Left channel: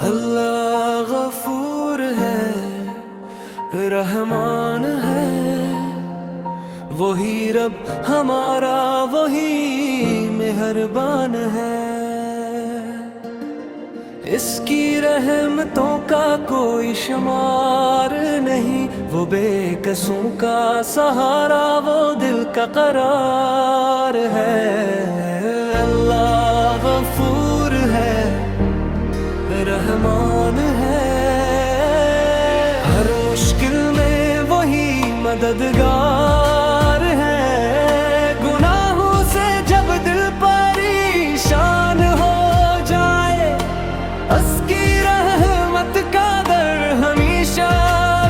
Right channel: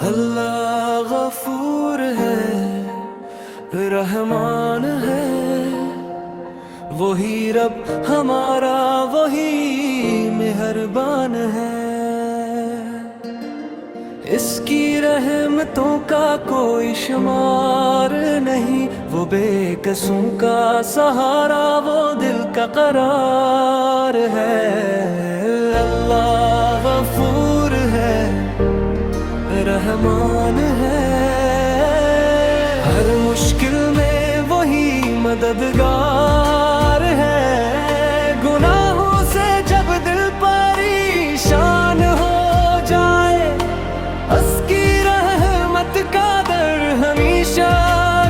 اللہ غفور ہے، رحمان ہے، وہی رب ہمارا، وہی مہربان ہے۔ اس کی رحمتوں کا کوئی شمار نہیں، وہ بے کسوں کا سہارا، وہ دل کا قرار ہے۔ اللہ غفور ہے، رحمان ہے، ہر مشکل میں وہی مددگار ہے۔ گناہوں سے جب دل پریشان ہو جائے، اس کی رحمت کا در ہمیشہ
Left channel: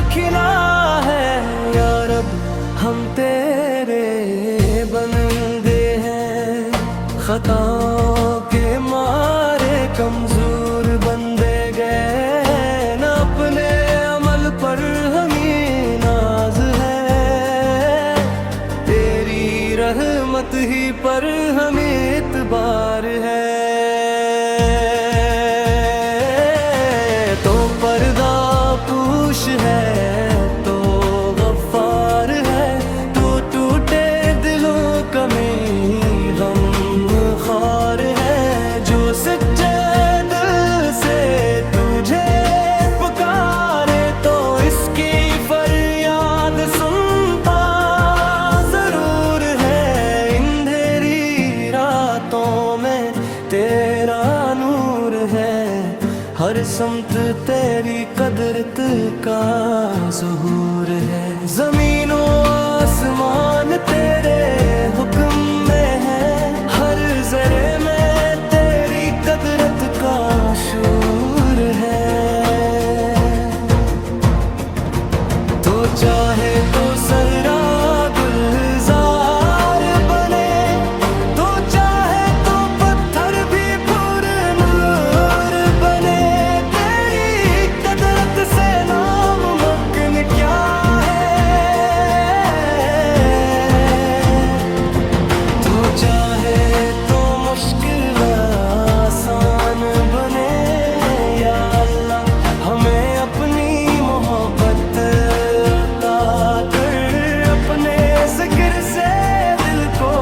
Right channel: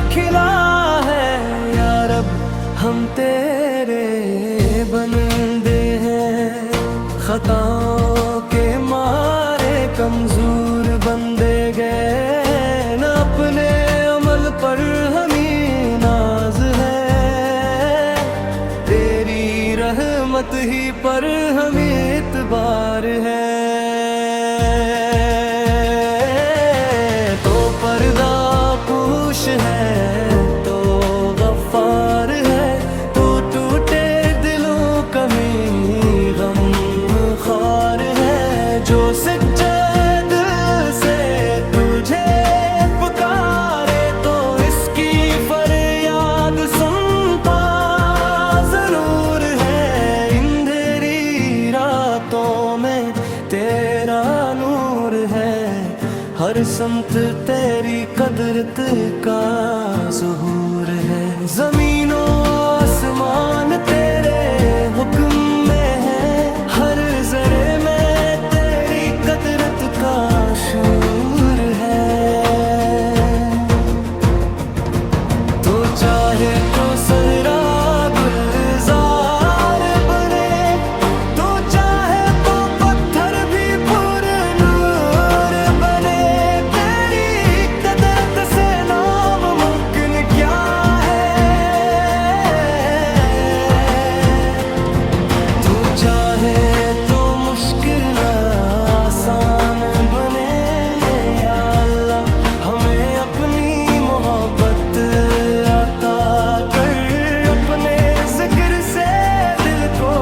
کھلا ہے۔ یا رب ہم تیرے بندے ہیں، خطاؤں کے مارے کمزور بندے گئے، نہ اپنے عمل پر ہمیں ناز ہے، تیری رحمت ہی پر ہمیں اعتبار ہے۔ تو پردہ پوش ہے، تو غفار ہے، تو ٹوٹے دلوں کا بھی غم خوار ہے۔ جو سچے دل سے تجھے پکارے، تو اس کی فریاد سنتا ضرور ہے۔ اندھیری راتوں میں تیرا نور ہے، ہر سمت تیری قدرت کا ظہور ہے۔ زمین و آسمان تیرے حکم میں ہے، ہر ذرے میں تیری قدرت کا شعور ہے۔ تو چاہے تو صحرا گلزار بنے، تو چاہے تو پتھر بھی پر نور بنے، تیری قدرت سے ناممکن کیا ہے۔ تو چاہے تو مشکل آسان بنے، یا اللہ ہمیں اپنی محبت عطا کر، اپنے ذکر سے دل کو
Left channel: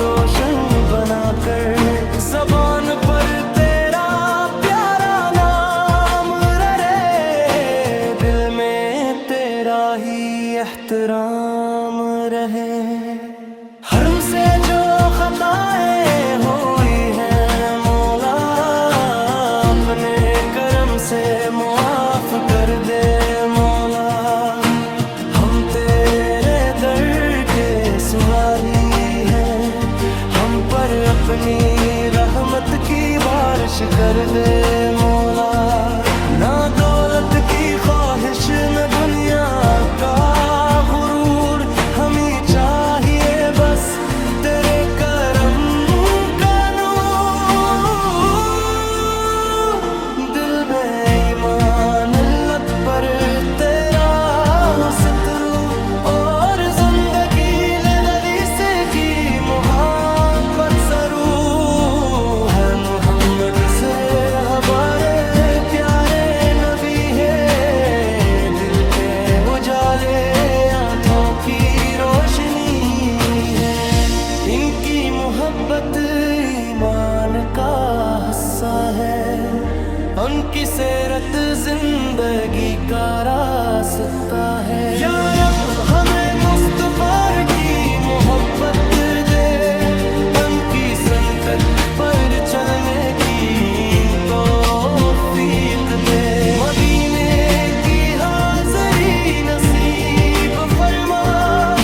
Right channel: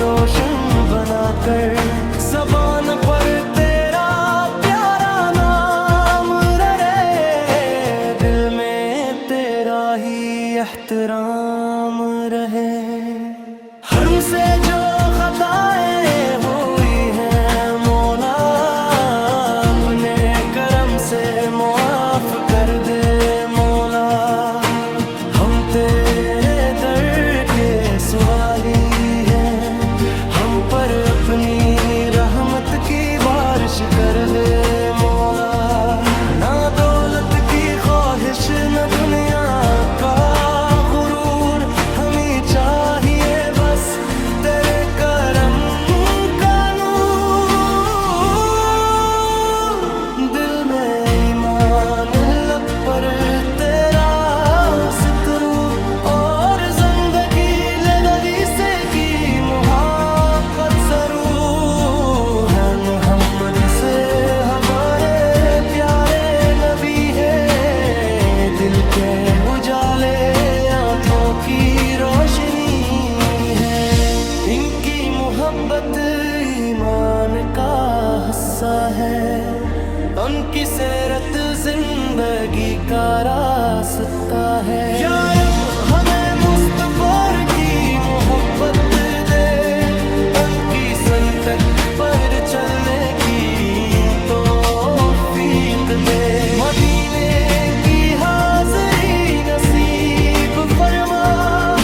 روشن بنا کر۔ زبان پر تیرا پیارا نام رہے، دل میں تیرا ہی احترام رہے۔ حرم سے جو خطائیں ہوئی ہیں مولا، اپنے کرم سے معاف کر دے مولا۔ ہم تیرے در کے سوالی ہیں، ہم پر اپنی رحمت کی بارش کر دے مولا۔ نہ دولت کی خواہش، نہ دنیا کا غرور، ہمیں چاہیے بس تیرے کرم کا نور۔ دل میں ایمان، لب پر تیرا سترو، اور زندگی لدی سے کی محبت سرو ہے۔ محمد سے ہمارے پیارے نبی ہے، دل کے اجالے آنکھوں کی روشنی ہے۔ ان کی محبت ایمان کا حصہ ہے، ان کی سیرت زندگی کا راستہ ہے۔ یا رب ہمیں مصطفی کی محبت دے، ان کی سنت پر چلنے کی توفیق دے۔ مدینے کی حاضری نصیب فرما،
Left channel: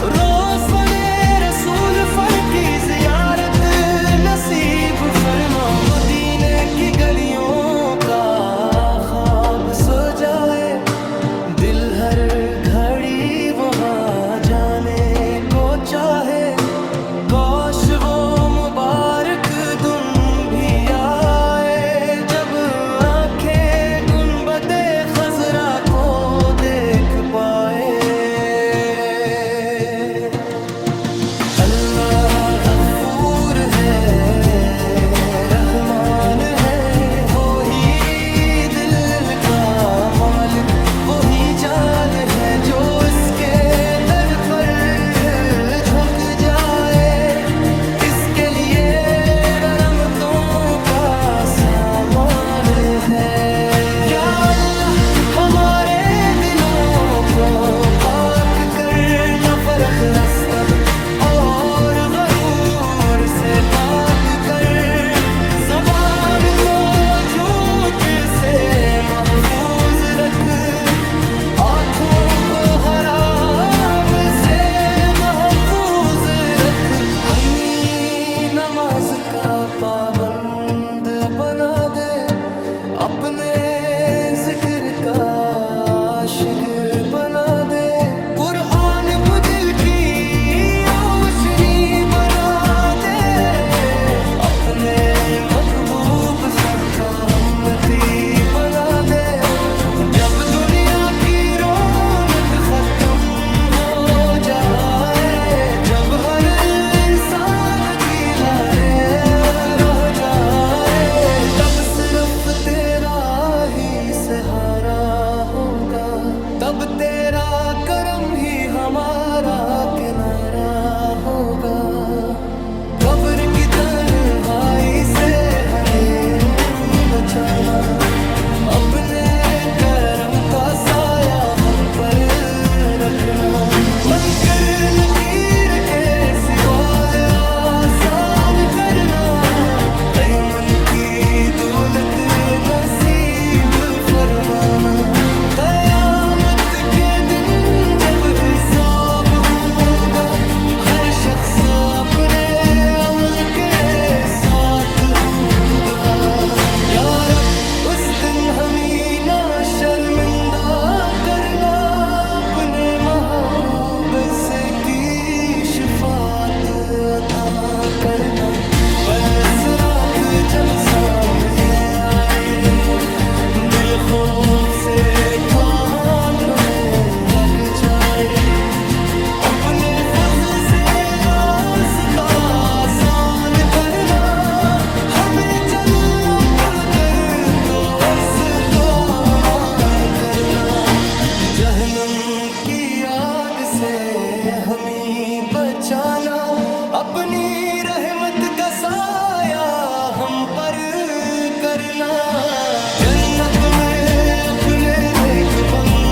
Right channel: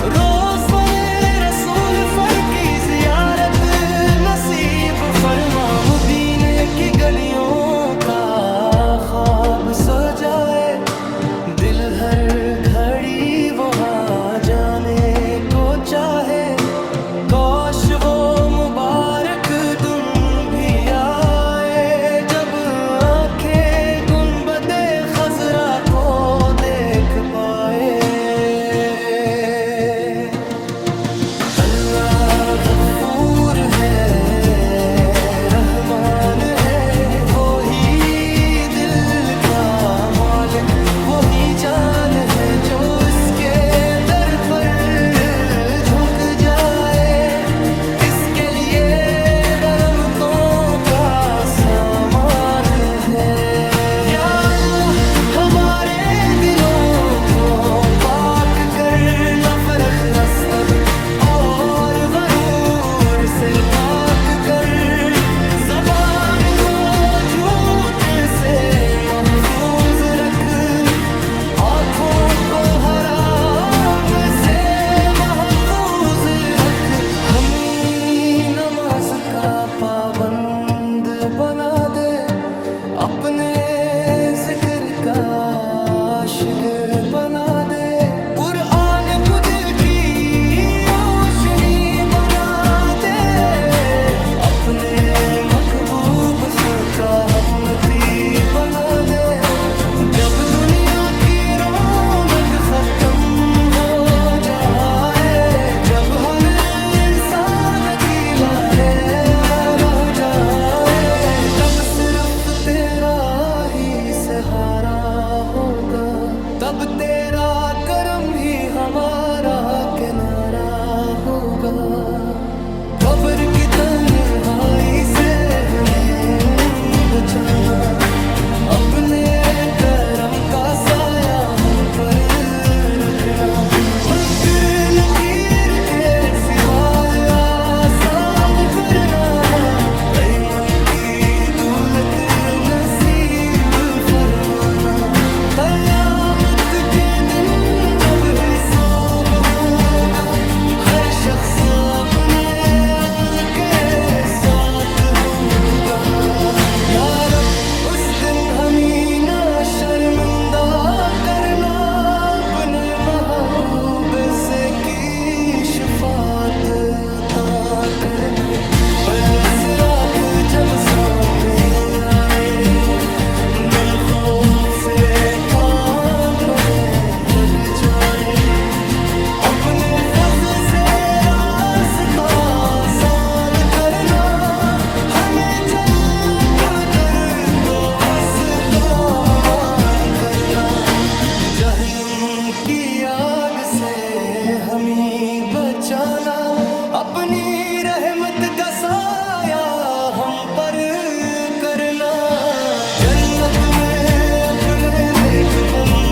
روز بنے رسول فر کی زیارت نصیب فرما۔ مدینے کی گلیوں کا خواب سو جائے، دل ہر گھڑی وہاں جانے کو چاہے۔ کاش وہ مبارک دن بھی آئے، جب آنکھیں گنبد خضرا کو دیکھ پائے۔ اللہ غفور ہے، رحمان ہے، وہی جان ہے جو اس کے در پر جھک جائے، اس کے لیے رحمتوں کا سامان ہے۔ یا اللہ ہمارے دلوں کو پاک کر، نفرت رستب اور غرور سے پاک کر، زبان کو جھوٹ سے محفوظ رکھ، ہاتھوں کو حرام سے محفوظ رکھ، ہمیں نماز کا پابند بنا دے، اپنے ذکر کا عاشق بنا دے، قرآن کو دل کی روشنی بنا دے، اپنے محبوب سر کا ہمتی بنا دے، جب دنیا کی رونق ختم ہو جائے، جب ہر انسان اکیلا رہ جائے، تب صرف تیرا ہی سہارا ہوگا، تب تیرا کرم ہی ہمارا کنارہ ہوگا، قبر کی تنہائی سے ہمیں بچانا، اپنے کرم کا سایہ ہم پر رکھنا، منکر نکیر کے سوال آسان کرنا، ایمن کی دولت نصیب فرمانا، قیامت کے دن جب حساب ہوگا، ہر شخص اپنے عمل کے ساتھ ہوگا، یا رب اس دن ہمیں نہ شرمندہ کرنا، اپنے محبوب کی شفاعت عطا کرنا، بل صراط جب سامنے آئے، دل خوف سے کان پنے لگ جائے، اپنے فضل سے راستہ آسان کرنا، ہمیں چلنا پل کر دوست کا امان کرنا، جہنم کی آگ سے ہمیں بچانا، اپنی رحمت کا سایہ ہم پر کرنا، جنت میں اپنے نیک بندے